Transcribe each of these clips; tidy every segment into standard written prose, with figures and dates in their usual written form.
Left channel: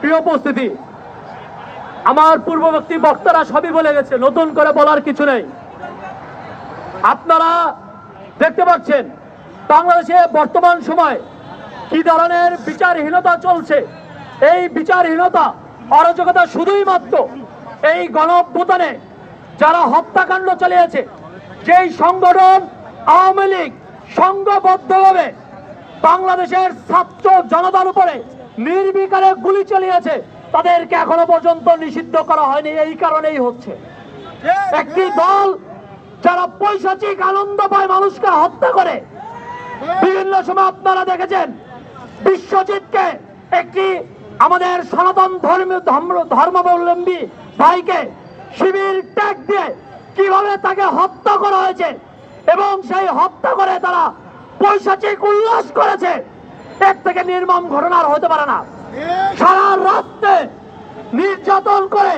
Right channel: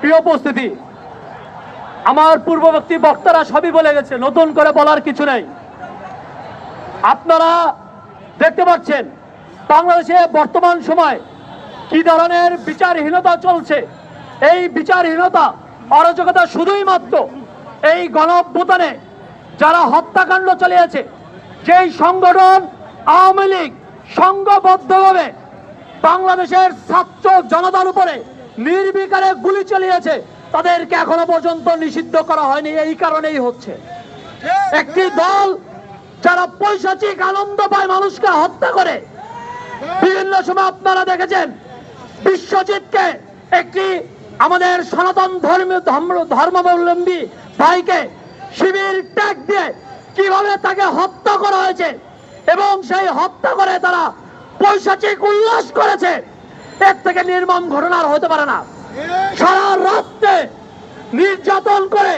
প্রিয় উপস্থিতি, আমার পূর্ববর্তী বক্তারা সবই বলে গেছে, নতুন করে বলার কিছু নেই। আপনারা দেখতে পাচ্ছেন বাংলাদেশে বর্তমান সময় কি ধরনের বিচারহীনতা চলছে। এই বিচারহীনতা, অরাজকতা শুধুই মাত্র এই গণঅভ্যুত্থানে যারা হত্যাকাণ্ড চালিয়েছে, যেই সংগঠন আওয়ামী লীগ সংঘবদ্ধভাবে বাংলাদেশের ছাত্র জনতার উপরে নির্বিকারে গুলি চালিয়েছে, তাদেরকে এখনো পর্যন্ত নিষিদ্ধ করা হয়নি। এই কারণেই হচ্ছে একটি দল যারা পৈশাচিক আনন্দ পায় মানুষকে হত্যা করে। বিভিন্ন সময় আপনারা দেখেছেন বিশ্বজিৎকে, একটি আমাদের সনাতন ধর্মাবলম্বী ভাইকে শিবির ট্যাগ দিয়ে কিভাবে তাকে হত্যা করা হয়েছে, এবং সেই হত্যা করে তারা পৈশাচিক উল্লাস করেছে। এর থেকে নির্মম ঘটনা আর হতে পারে না। সারা রাত্রে নির্যাতন করে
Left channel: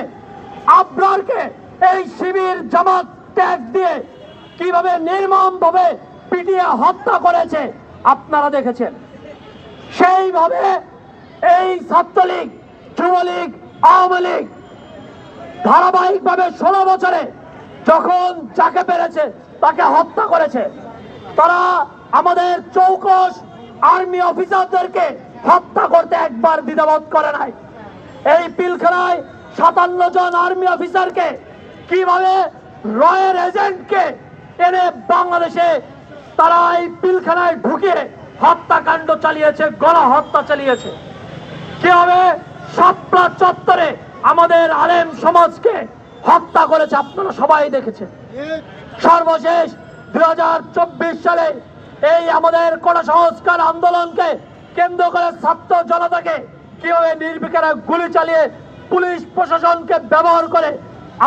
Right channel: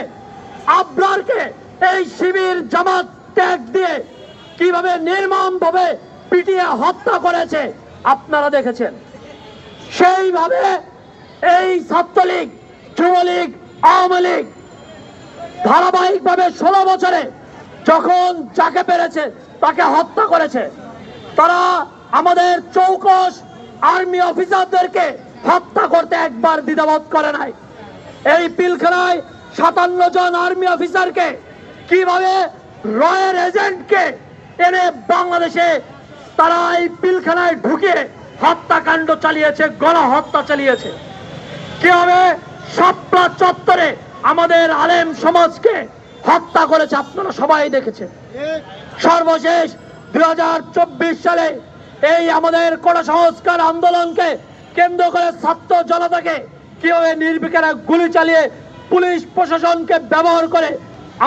আবরারকে এই শিবির জামাত ট্যাগ দিয়ে কিভাবে নির্মম ভাবে পিটিয়ে হত্যা করেছে আপনারা দেখেছেন। সেইভাবে এই ছাত্রলীগ, যুবলীগ, আওয়ামী লীগ ধারাবাহিকভাবে 16 বছরে যখন যাকে পেরেছে তাকে হত্যা করেছে। তারা আমাদের চৌকস আর্মি অফিসারদেরকে হত্যা করতে একবার দ্বিধাবোধ করে নাই। এই পিলখানায় 57 জন আর্মি অফিসারকে কিভাবে রয়ের এজেন্টকে এনে বাংলাদেশে তারা এই পিলখানায় ঢুকে হত্যাকাণ্ড চালিয়েছে, গণহত্যা চালিয়েছে। কিভাবে শাপলা চত্বরে আমাদের আলেম সমাজকে হত্যা করেছে আপনারা সবাই দেখেছেন। সর্বশেষ 2024 সালে এই আমাদের কোটা সংস্কার আন্দোলনকে কেন্দ্র করে ছাত্র জনতাকে কিভাবে নির্বিকারে গুলি চালিয়ে পুলিশ প্রশাসনকে ব্যবহার করে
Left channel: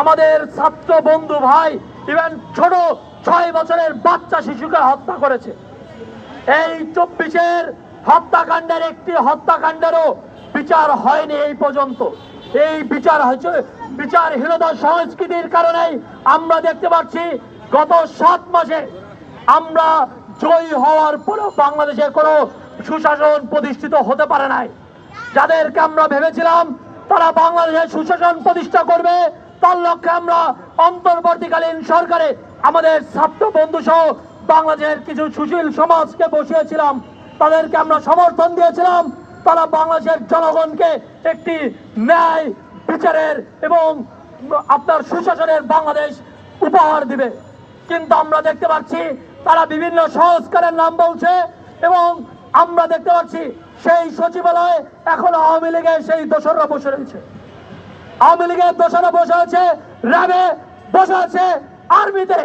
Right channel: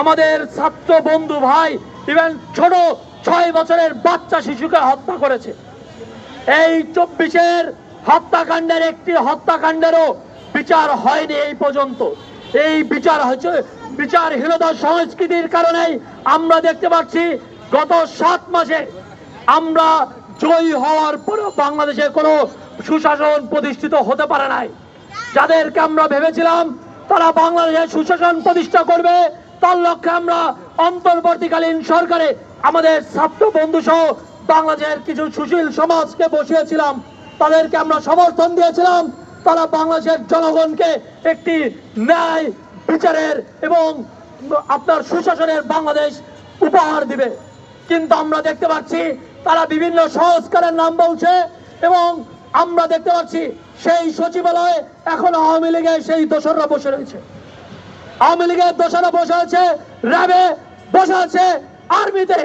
আমাদের ছাত্র বন্ধু ভাই, ইভেন ছোট 6 বছরের বাচ্চা শিশুকে হত্যা করেছে। এই 24-এর হত্যাকাণ্ডের একটি হত্যাকাণ্ডেরও বিচার হয়নি এই পর্যন্ত। এই বিচার হচ্ছে বিচারহীনতার সংস্কৃতির কারণেই আমরা দেখতে পাচ্ছি গত 7 মাসে আমরা জয়ী হওয়ার পরও বাংলাদেশে কোনো সুশাসন প্রতিষ্ঠিত হতে পারে নাই। যাদেরকে আমরা ভেবেছিলাম তারা বাংলাদেশে সুশাসন প্রতিষ্ঠা করবে, তার লক্ষ্যে আমরা অন্তর্বর্তীকালীন সরকারে আমাদের ছাত্র বন্ধু সহ বাংলাদেশের কিছু সুশীল সমাজকে বসিয়েছিলাম, তাদেরকে আমরা সমর্থন দিয়েছিলাম। তারা বাংলাদেশের জনগণকে একটি ন্যায় বিচারের এবং আপনার সুশাসনের বাংলাদেশ উপহার দিবে। কিন্তু আমরা দেখতে পাচ্ছি তারা বিভিন্ন সংস্কারের নাম বলছে, এবং আমরা দেখতে পাচ্ছি সেই সচিবালয়ে এখন আওয়ামী লীগের সেই দোসররা বসে রয়েছে। আওয়ামী লীগের দোসররা বসে আছে র্যাবে, বসে আছে আর্মিতে।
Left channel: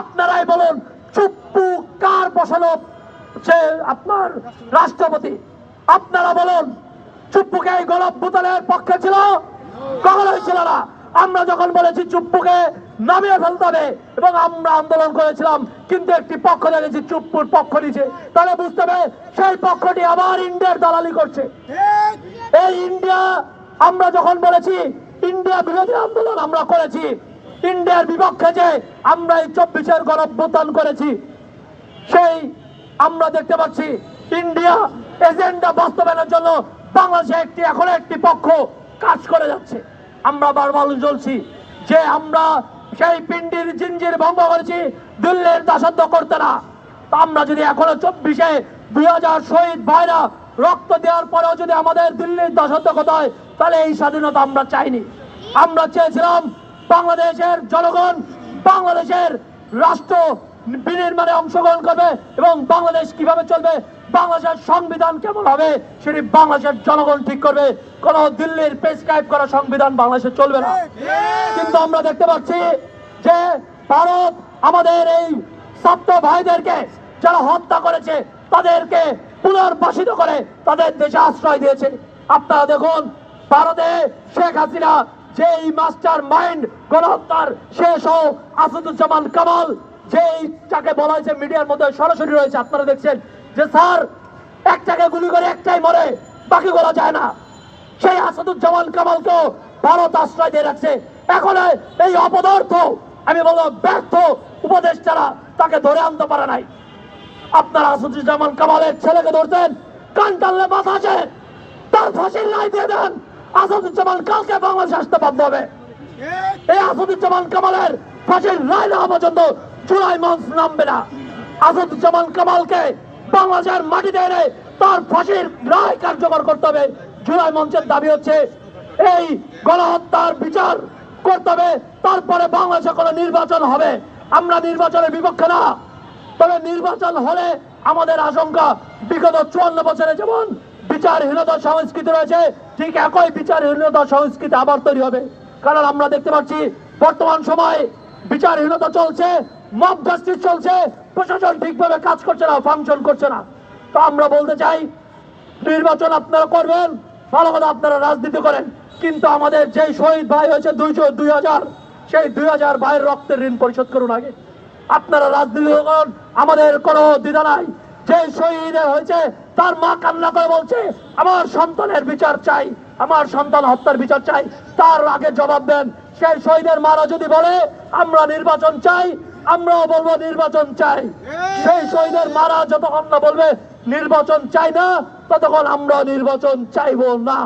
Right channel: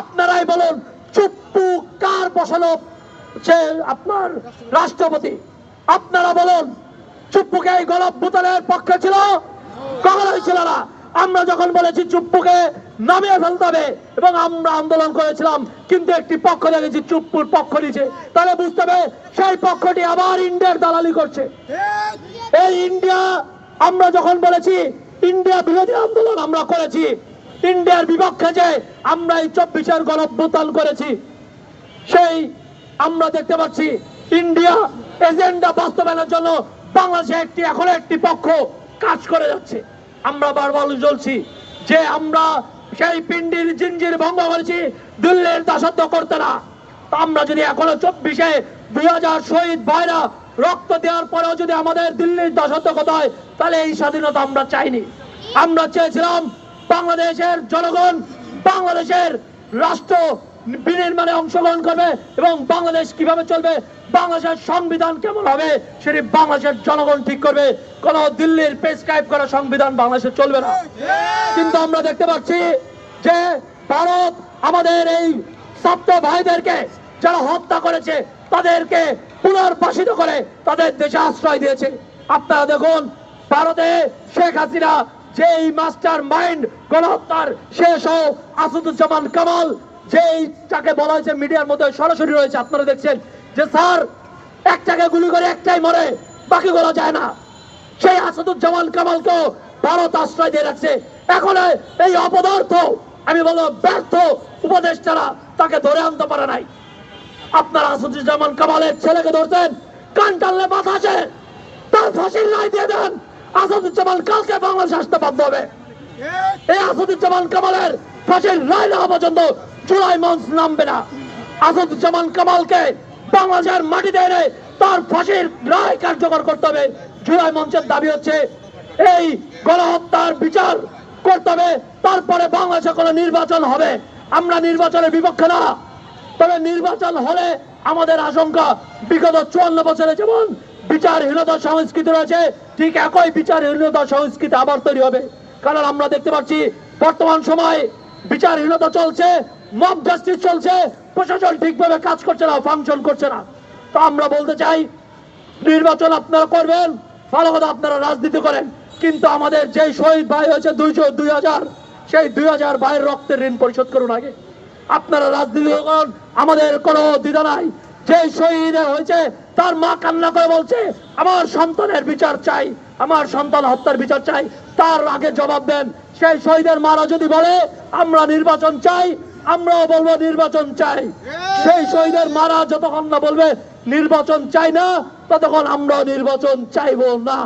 আপনারাই বলুন, চুপ্পু কার বসানো সে আপনার রাষ্ট্রপতি? আপনারা বলুন, চুপ্পুকে এই গণঅভ্যুত্থানের পক্ষে ছিল? কখনোই ছিল না। আমরা যখন বলেছি চুপ্পুকে নামিয়ে ফেলতে হবে এবং আমরা আন্দোলন করেছিলাম, কিন্তু একটি পক্ষ দেখেছি চুপ্পুর পক্ষ নিচ্ছে, তাহলে বুঝতে হবে সেই পক্ষটি আবার ইন্ডিয়ার দালালি করছে। এই ইন্ডিয়া, আমরা যখন বলেছি ইন্ডিয়া বিরোধী আন্দোলন আমরা করেছি, ইন্ডিয়ার বিপক্ষে যে আমরা এই 24-এর গণঅভ্যুত্থান করেছি, সেই আমরা দেখতে পাচ্ছি ইন্ডিয়া এজেন্ডা বাস্তবায়নের জন্য বাংলাদেশে এখন একটি পক্ষ কাজ করে যাচ্ছে। আমরা বারবার বলছি যে আমরা সেই পিন্ডির জিঞ্জির ভঙ্গ করেছি, দিল্লির দাসত্ব করতে না। আমরা যদি এখনো 24-এ 2000 শহীদ ভাইরা রক্ত দেওয়ার পরেও যদি আমাদের দিল্লির দাসত্ব করতে হয়, তাহলে এই স্বাধীনতা আমরা চাইনি। আমরা চেয়েছিলাম বাংলাদেশের জনগণ বাংলাদেশের রাষ্ট্র বিনির্মাণে অংশগ্রহণ করবে, এবং বাংলাদেশ কিভাবে চলবে, বাংলাদেশের সংবিধান কেমন হবে সেটি বাংলাদেশের জনগণ ঠিক করবে। কোন দিল্লির প্রেসক্রাইব করা সংবিধান বাংলাদেশে চলবে না। কিন্তু আমরা দেখতে পাচ্ছি যে ভারত আমাদের এই ছাত্র ভাইদেরকে যারা হত্যা করেছে তাদেরকে পুনর্বাসিত করে তাদের দেশে আশ্রয় দিয়েছে। আপনারা দেখুন, ভারতে শেখ হাসিনা যেই মাস্টার মাইন্ড গণহত্যার, শেষ আসাদুজ্জামান কামাল, যেই যাকে বলা হয়েছে মিডিয়ার মধ্যে সরাসরি রয়েছে, আপনারা দেখছেন যে স্যার একটাকে গুলি করে একটাই মরে, বাকিগুলো যায় না। সেই আসাদুজ্জামান কামালকেও ভারত আশ্রয় দিয়ে রাখছে। এখন এই অপদার্থ, আমি বলবো ব্যর্থ উপদেষ্টারা তাকে ধরে আনতে পারে নাই। আপনারা আসাদুজ্জামান কামালের ছেলেকে ধরছেন, কান টানলে মাথা আসে, তার ফাঁসির রায় দিয়ে দেন। আসাদুজ্জামান কালকে বাংলাদেশে আসতে বাধ্য হবে। এই আসাদুজ্জামান কামালের ফাঁসির রায় না হওয়া পর্যন্ত জুলাই মঞ্চ নামবে না। আসাদুজ্জামান কামালকে বাংলাদেশের মাটিতে এনে তার ফাঁসির রায় কার্যকর করতে হবে। জুলাই মঞ্চের দাবি হচ্ছে এই গণহত্যার বিচার করতে হবে, তারপরে বাংলাদেশে কোনো নির্বাচন হবে। আমরা নির্বাচনের বিপক্ষে না, তবে নির্বাচন হলে আমাদের আশঙ্কা বিগত 54 বছরে যেমন বিচারহীনতা সংস্কৃতি রয়েছে, ঠিক একই বিচারহীনতা সংস্কৃতি আবার তৈরি হবে। কারণ আমরা দেখতে পাচ্ছি বর্তমান সময়ে বিচারহীনতা চলছে, মব জাস্টিস চলছে, প্রশাসন ঠিকভাবে কাজ করছে না, ফাংশন করছে না। তো আমরা বলতে চাই নির্বাচন আপনারা করবেন, ভালো কথা আপনারা রাজনীতি করেন, কিন্তু আমাদের যে শহীদ ভাই হয়েছে 2000 সেই 2000 ভাইয়ের রক্তের ঋণ পরিশোধ করুন আগে। আপনারা রাজনীতি করুন, আমাদের কোনো দ্বিধা নাই। যে শহীদ হয়েছে তার মা কান্না করে বলছে আমার সন্তানের বিচার চাই, আমার সন্তান হত্যার বিচার চাই, তার আগে জবাব দেন। সেই শহীদের মারা যদি বলে আমরা নির্বাচন চাই, আমরাও বলবো নির্বাচন চাই। সেই শহীদের মারা যতক্ষণ না বলবে নির্বাচন চাই না, ততক্ষণ আমরা নির্বাচন চাইবো না।